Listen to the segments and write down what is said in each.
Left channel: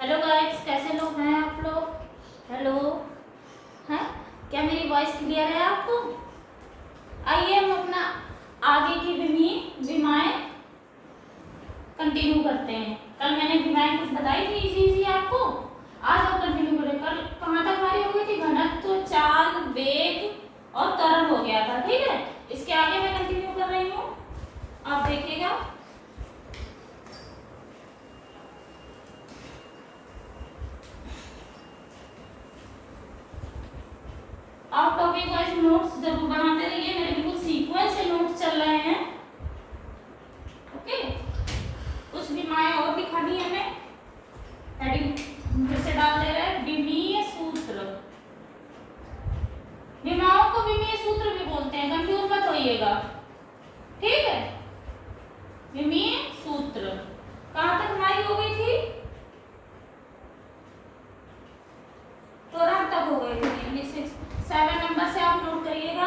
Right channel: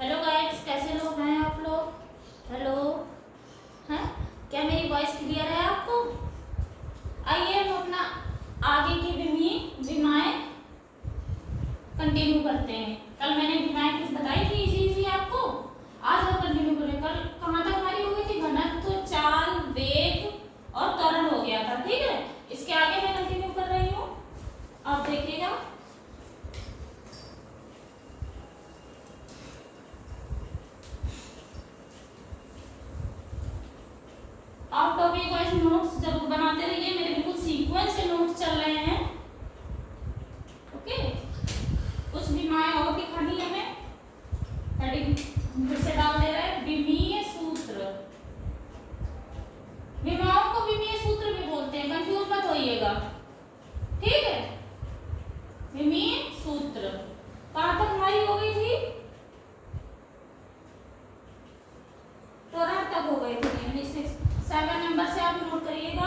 Hello guys, कैसे लोग हैं आप लोग? हेलो, हैं? क्या मेरी वॉइस क्लियर है आपको? आइए हम अपना आगे की विमाएं कंटिन्यू करते हैं। कल मैंने विमाएं कुछ बताई थी इजी आपको। आज हम कंटिन्यू करें। कल कहाँ तक हमारी हो गई थी? घनत्व, चाल, वेग और त्वरण हो गया था। ठीक है, इसके आगे मैं कंटिन्यू कर रही हूँ, आप देखिएगा। आप टॉपिक वाइज नोट्स जरूर बनाते रहिए, मेरे बिल्कुल सीक्वेंस से नोट्स चल रहे हैं। ओके, कुछ विमाएं और दिखानी है हमें। हेडिंग फिर से डाल दे रहे हैं, विमीय सूत्र। विमाओं को विमीय सूत्र भी बोलते हैं, कंफ्यूज मत होइएगा। ठीक है, विमीय सूत्र कहां तक हमारी हो गई थी? त्वरण तक हो गई थी। 7 नंबर से आप नोट करिएगा।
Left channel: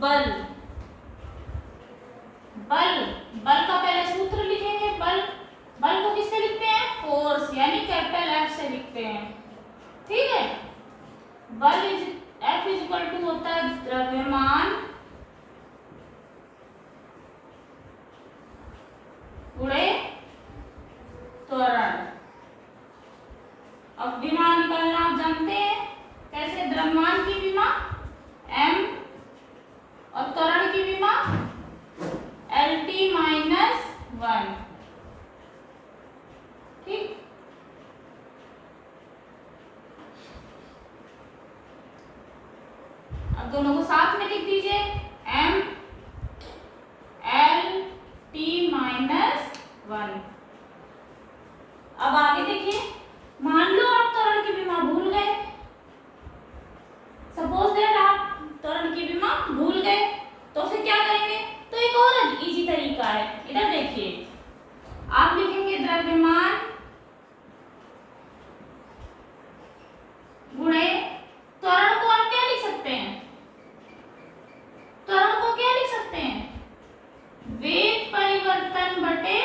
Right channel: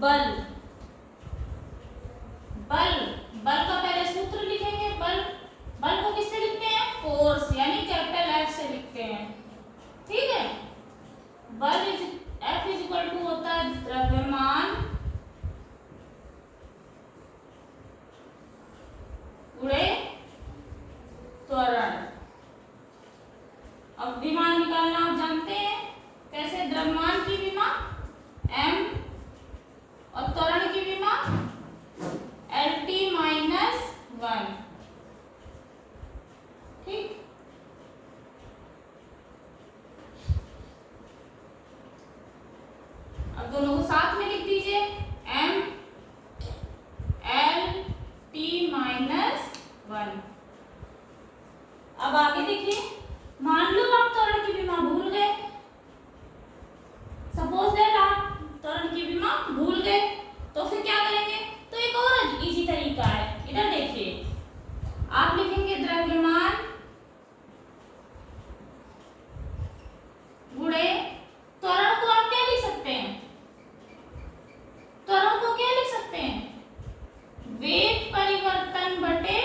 बल, बल बल का पहले सूत्र लिखेंगे। बल को किससे लिखते हैं? फोर्स, यानी कैपिटल एफ से लिखते हैं। ठीक है, बल एफ इज इक्वल टू होता है द्रव्यमान गुणे त्वरण। अब विमा निकालना आप जानते हैं कैसे? द्रव्यमान की विमा m और त्वरण की विमा LT - 1। ठीक, अब दोनों को साथ में लिख दीजिए, m LT - 1। अब आगे देखिए, मान लो आप त्वरण की विमा भूल गए। सपोज दैट आप त्वरण की विमा भूल गए, तो फिर क्या करेंगे? तो एक और इजी तरीका है, इधर देखिए। आप लिखेंगे द्रव्यमान गुणे त्वरण को आप क्या लिख सकते हैं? त्वरण को क्या लिख सकते हैं? वेग परिवर्तन बटे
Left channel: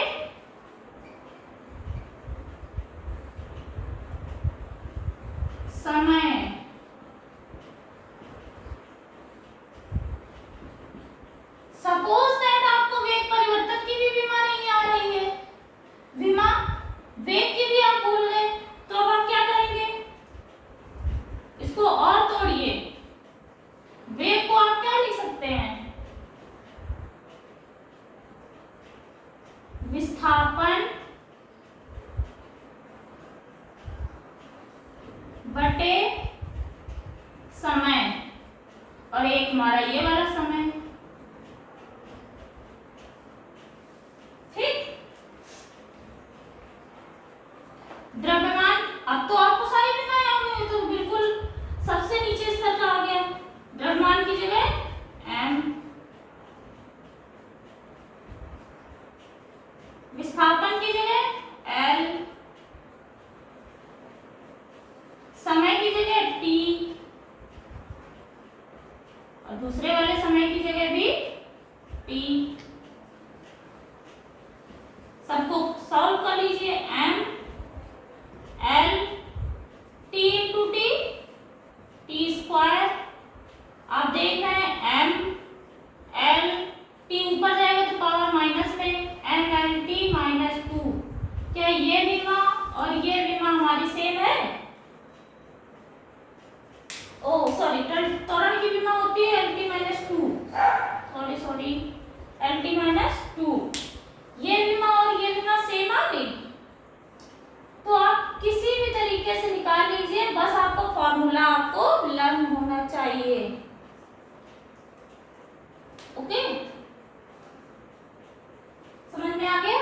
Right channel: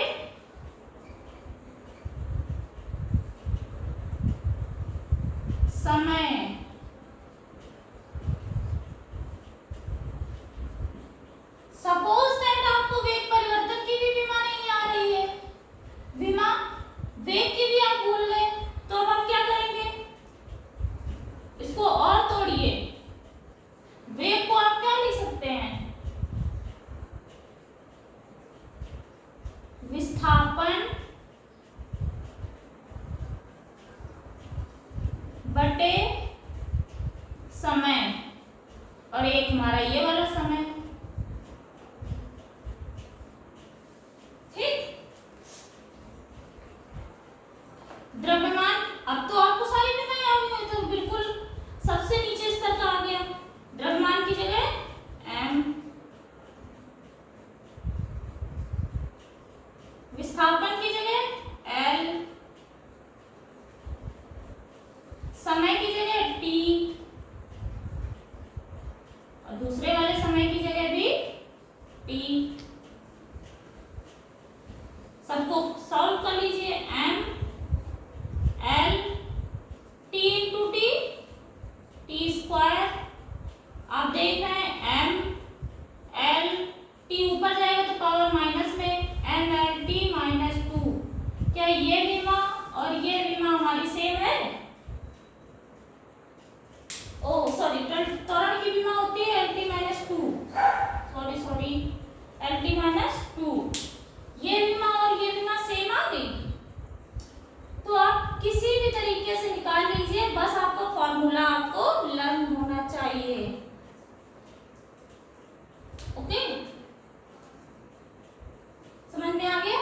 समय। सपोज दैट आपको वेग परिवर्तन की भी विमा नहीं आ रही है, विमा वेग की भी आप भूल गए, तो अब आप क्या करेंगे? इसको और तोड़िए। वेग को आप क्या लिख सकते हैं? विस्थापन बटे समय, और एक हमारा ये वाला समय। ठीक, द्रव्यमान, अब तो आपको सारी विमाएं आ गई, तो बिल्कुल सबसे नीचे स्तर का आ गया। द्रव्यमान की जगह m, विस्थापन की जगह l, समय की जगह t, और दूसरे वाले समय की जगह भी t। सबको सॉल्व कर लीजिए। m l t into T, T square. आप देख रहे हैं m l t ऊपर जाएगा तो पावर माइनस में, n l t -2। क्या ये विमा और ये विमा हमारी सेम है? ओ सॉरी, त्वरण की विमा होती है LT -2। Sorry LT -2। ये विमा और ये विमा सेम आ गई, तो आप किसी भी तरीके से निकाल लीजिए, बस आपको फॉर्मूला आपको लर्न होना चाहिए। ओके, समझ में आ गया?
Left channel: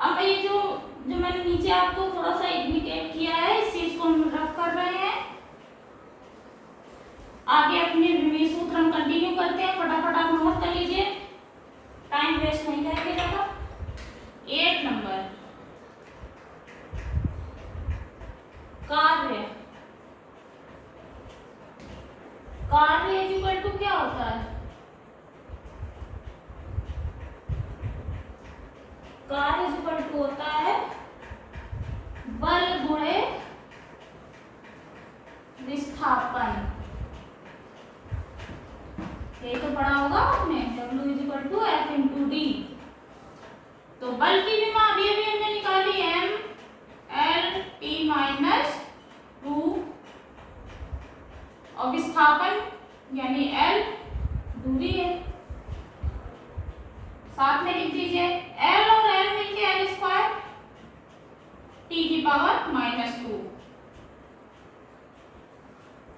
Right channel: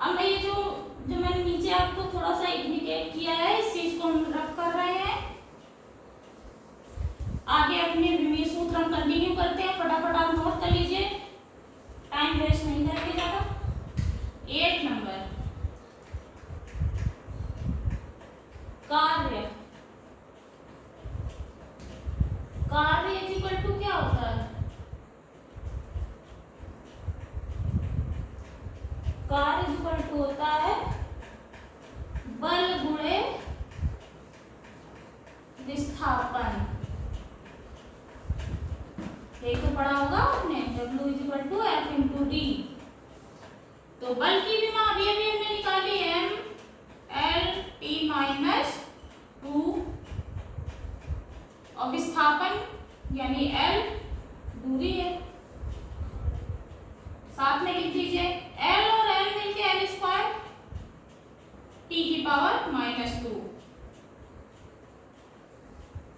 अब ये जो मैंने नीचे आपको थोड़ा सा इंडिकेट किया है, इस चीज को हम रख कर रहे हैं। आगे अपने विमीय सूत्र हम कंटिन्यू करते हैं। फटाफट आप नोट कर लीजिए, टाइम वेस्ट नहीं करेंगे ज्यादा। 8 नंबर, कार्य। कार्य इज इक्वल टू क्या होता है? कार्य इज इक्वल टू होता है विस्थापन यानी L दूरी है, साथ में लिख दीजिए L और L मिलके L स्क्वायर टी की पावर -2।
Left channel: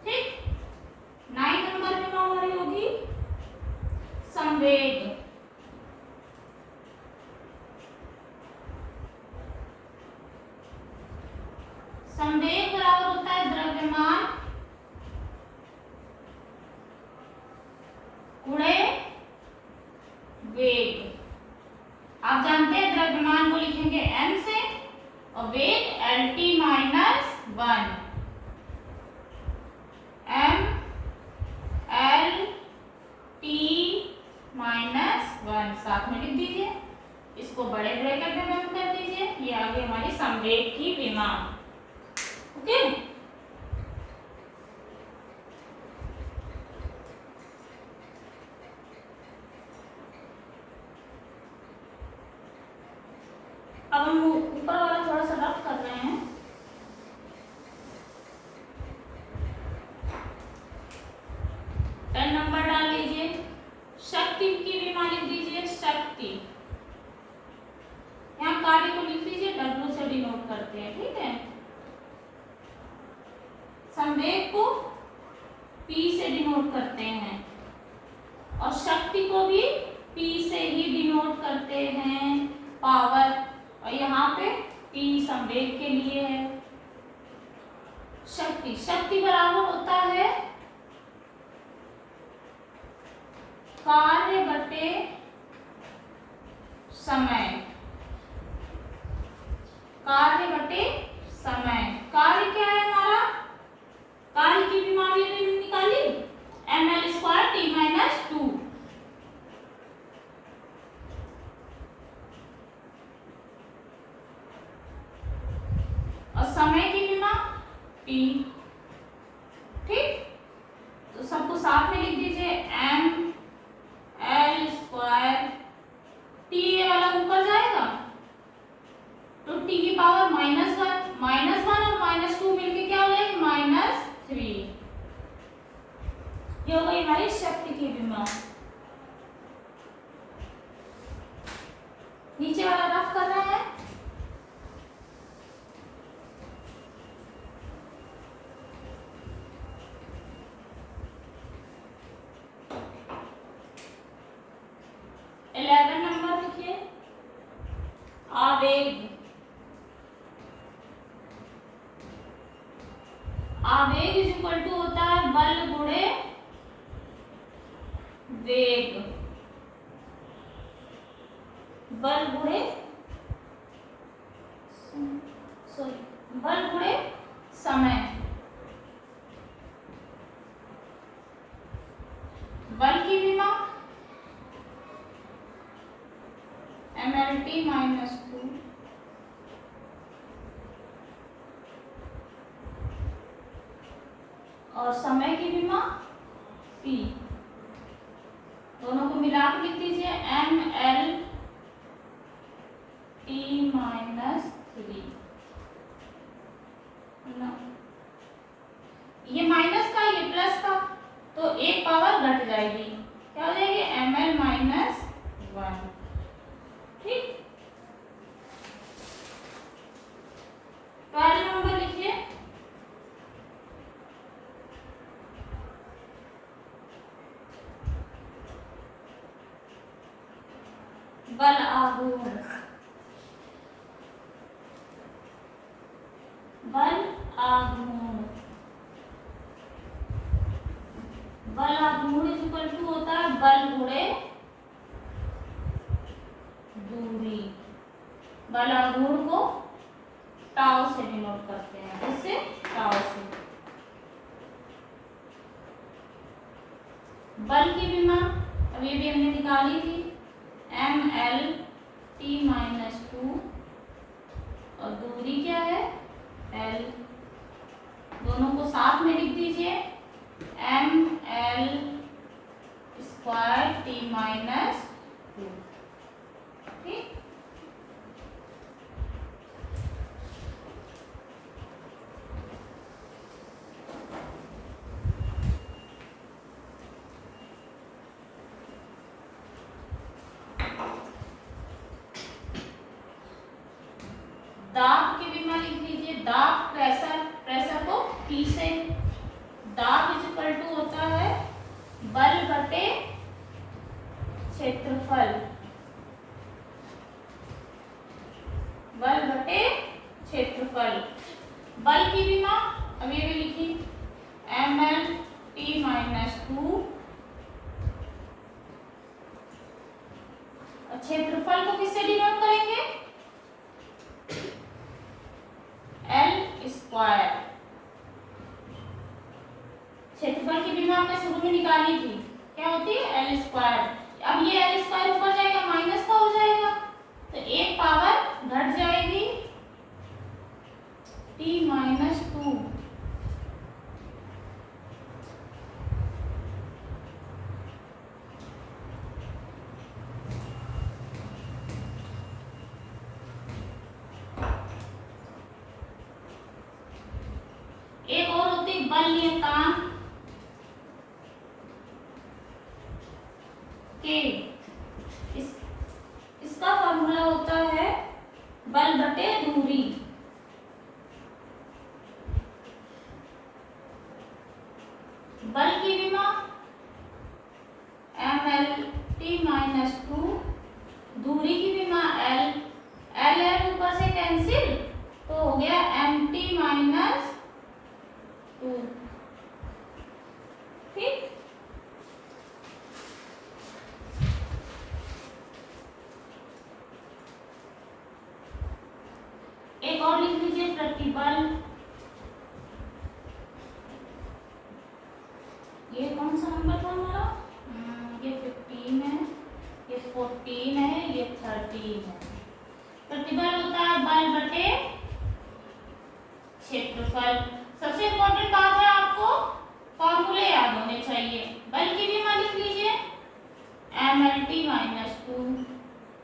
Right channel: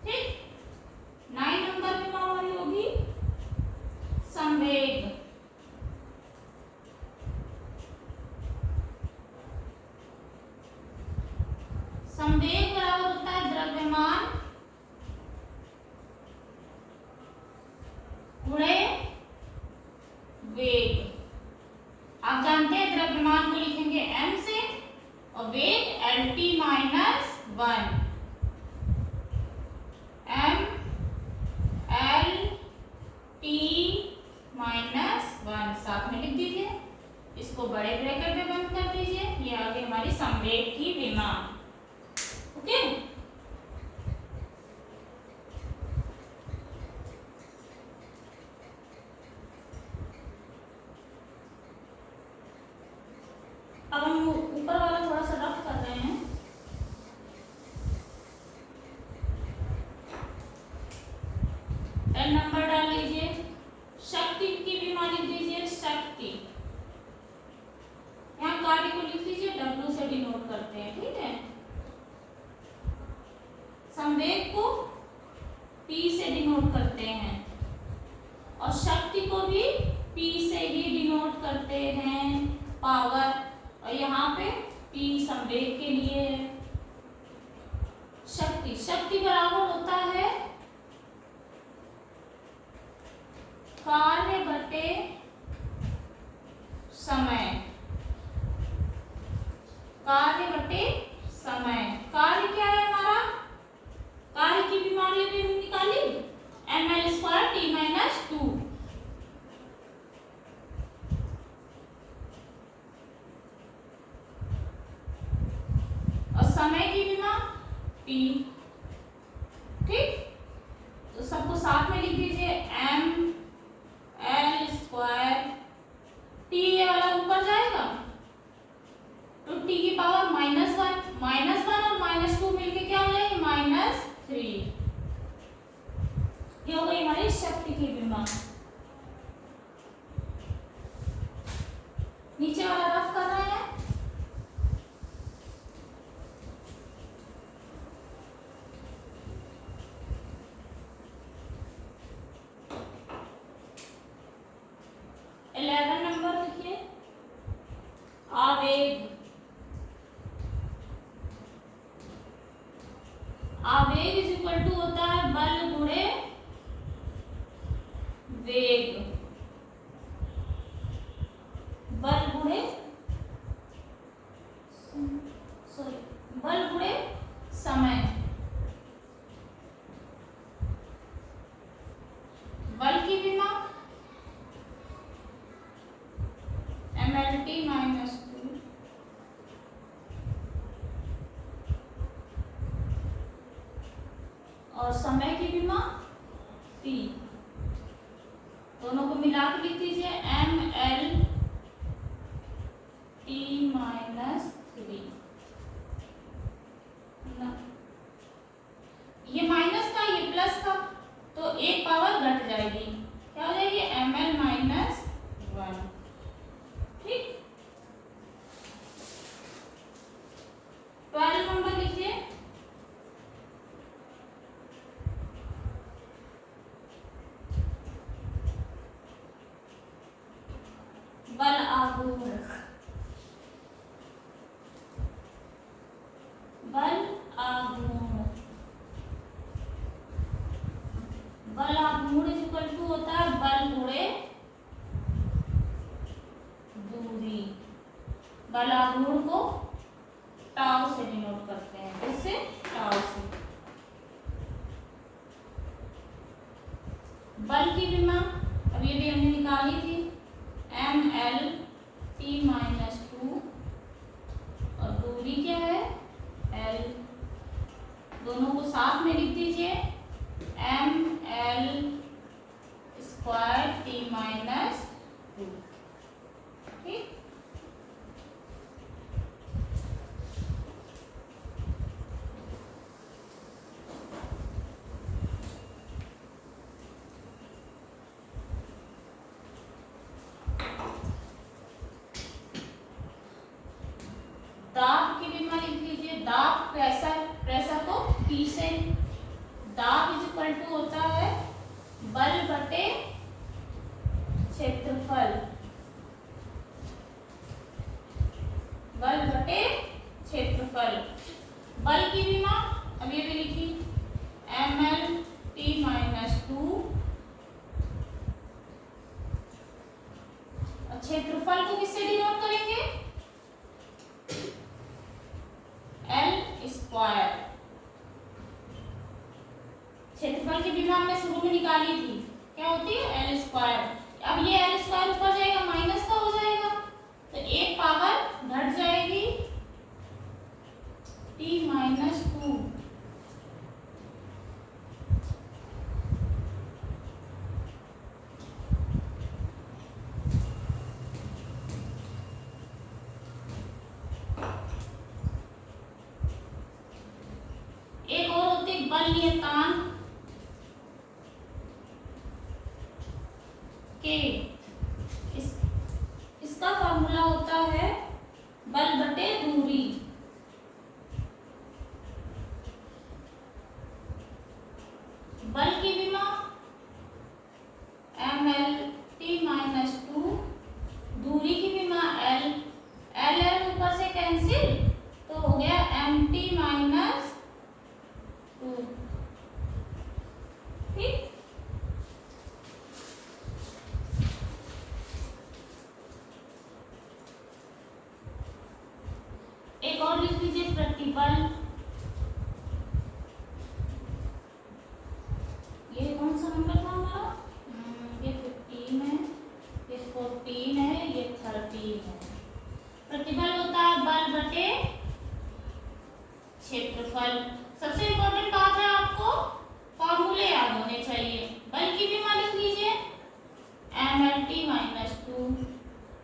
ठीक, 9 नंबर में हमारी होगी संवेग। संवेग बराबर होता है द्रव्यमान गुणे वेग। आप जानते हैं द्रव्यमान को लिखेंगे m से और वेग LT - 1 m L T -1 साथ में लिख दीजिए, इसको बड़े ब्रैकेट में बंद कर दीजिए। ये आ गई हमारी संवेग की विमा। ओके, अब हम ऊपर वाला थोड़ा सा रफ कर रहे हैं। n नंबर डाल लीजिए, शक्ति की विमा लिख दीजिए शक्ति, यहाँ कार्य को लिख लीजिए W से डिनोट करते हैं। ठीक है, संवेग को P से डिनोट करते हैं और शक्ति को भी P से ही डिनोट करते हैं, पावर। और यहाँ पे P संवेग के लिए है। शक्ति, शक्ति बराबर होता है कार्य बटे समय, कार्य बटे समय। कार्य क्या है हमारा, कार्य की बीमारी निकाली ml² t - 2। और समय की विमा T। ठीक, तो सबको साथ में लिख दीजिए m L² T, ये वाला ऊपर जाएगा तो T की पावर -1 और -2 मिलके क्या हो जाएगी -3। ये हो गई हमारी शक्ति की विमा। नीचे वाला रफ कर रहे हैं। नंबर लिखिए आवेग। आवेग इज इक्वल टू होता है बल गुणे वेग, बल गुणे बल गुणे समय। बल की विमा mLT - 2 और समय की विमा P। दोनों को मिला के लिख दीजिए mLT - 3। ये माइनस का, ये प्लस का, तो एक पावर घट जाएगी, क्या हो जाएगी ml - 1। ठीक, 12 नंबर लिखिए बल आघूर्ण। बल आघूर्ण, बल आघूर्ण इज इक्वल टू होता है बल गुणे दूरी। बल आघूर्ण को टाउ से डिनोट करते हैं, किससे, टाउ से। बल की विमा अब ये भी हमने निकाली थी mLT - 2 और दूरी क्या है L। दोनों को साथ में लिख दीजिए mL² t - 2। ठीक, दाब की विमा लिख लीजिए, दाब प्रेशर, प्रेशर को P से, दाब इज इक्वल टू होता है बल बटे क्षेत्रफल, बल बटे क्षेत्रफल। बल की विमा अब ये भी लिखी mL/T-2, क्षेत्रफल को किससे डिनोट करेंगे, L स्क्वायर। क्षेत्रफल की विमा हमने शुरू में निकाली थी, क्या होती है L स्क्वायर। अब ये L स्क्वायर ऊपर जाएगा माइनस का हो जाएगा, तो एक पावर घट जाएगी T-2। एक और होती है बल नियतांक के, इसका फॉर्मूला होता है बल बटे दूरी। बल की विमा mL/T-2, दूरी की विमा L, L ऊपर से कैंसिल तो हो गया MT-2। ठीक, एक और लिख लीजिए प्रतिबल। ये कौन सा नंबर था हमारा, ये 15 है, ये 14 है, ये 13 है। प्रतिबल होता है बल बटे क्षेत्रफल। सबसे इम्पोर्टेंट बात है आपको फॉर्मूले याद होने चाहिए। बल की विमा लिख लीजिए mL/T-2,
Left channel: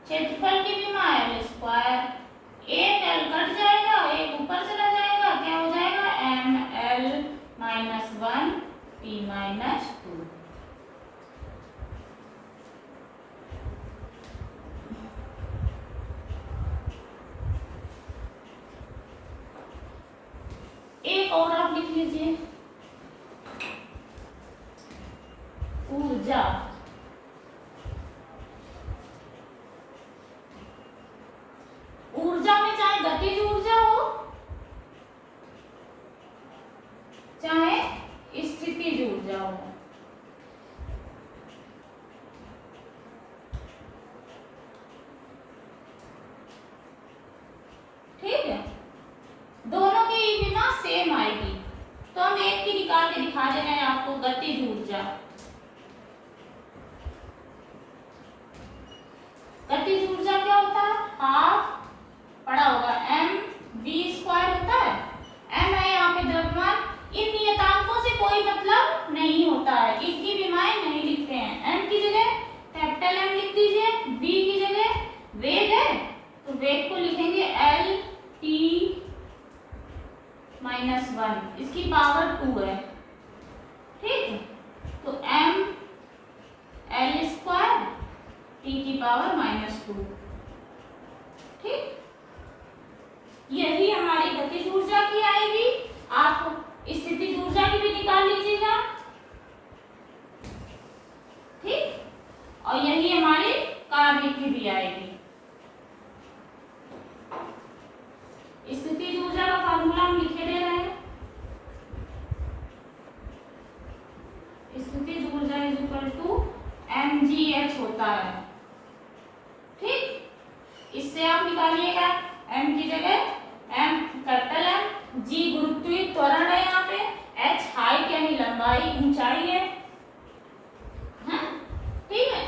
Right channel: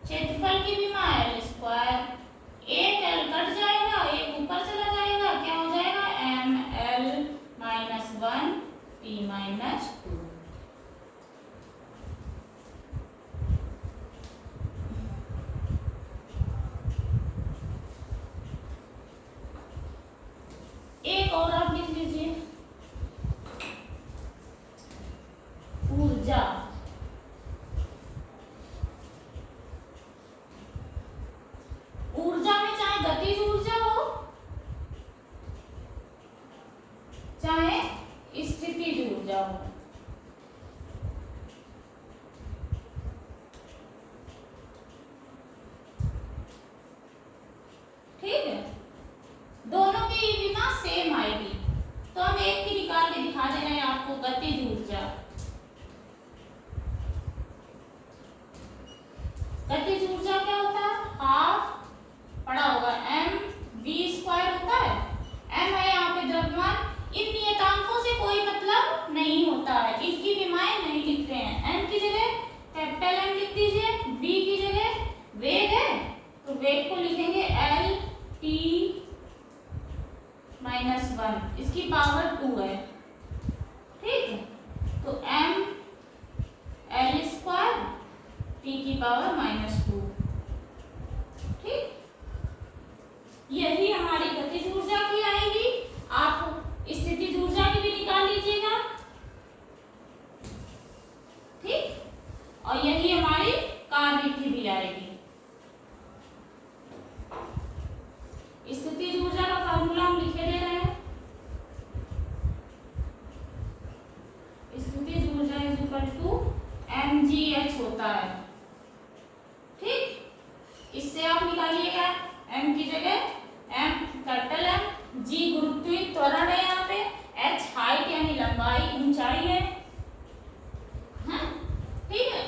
क्षेत्रफल की विमा L स्क्वायर, एक L कट जाएगा, एक ऊपर चला जाएगा, क्या हो जाएगा mL-1 T-2। एक और आप लिख लीजिए ऊर्जा। ऊर्जा में चाहे गतिज ऊर्जा हो चाहे स्थितिज ऊर्जा हो, ठीक है, दोनों की विमा सेम आएगी। तो हम एक की निकाल के दिखा दे रहे हैं आपको, गतिज ऊर्जा। गतिज ऊर्जा क्या होता है, हाफ पड़ा होगा mv² होता है, m है यहाँ पे द्रव्यमान। इन नियतांकों से कोई मतलब नहीं होता है, इसकी विमाएं नहीं लिखते हैं। m की जगह कैपिटल M लिख दीजिए, v की जगह वेग है तो वेग को लिखेंगे L/T-1, इसकी पावर 2 है, ठीक है। तो m L² T की पावर -2, ठीक। यही हमारी गतिज ऊर्जा की आएगी। आप स्थितिज ऊर्जा की भी निकाल लीजिएगा, ठीक, और यही हमारी कार्य की भी आएगी। स्थितिज ऊर्जा का फॉर्मूला हम लिखे दे रहे हैं, स्थितिज ऊर्जा इज इक्वल टू mgh होता है, ठीक। इससे आप निकालिएगा m की जगह m कैपिटल M, g गुरुत्वीय त्वरण है यहाँ पे, h हाइट यानी लंबाई ऊंचाई है, ठीक है।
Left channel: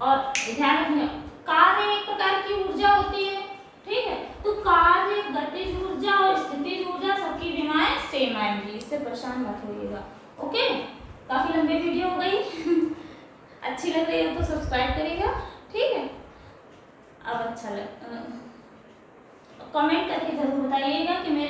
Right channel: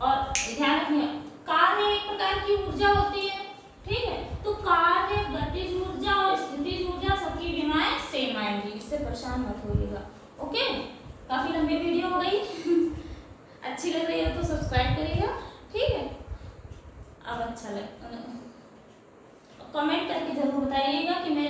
और ध्यान रखिए कार्य एक प्रकार की ऊर्जा होती है, ठीक है। तो कार्य, गतिज ऊर्जा और स्थितिज ऊर्जा सबकी विमाएं सेम आएंगी, इससे परेशान मत होइएगा, ओके। काफी लंबी वीडियो हो गई अच्छी लग रही है तो सब्सक्राइब करिएगा, ठीक है। अब अच्छा लग कमेंट करके जरूर बताइएगा कि मेरे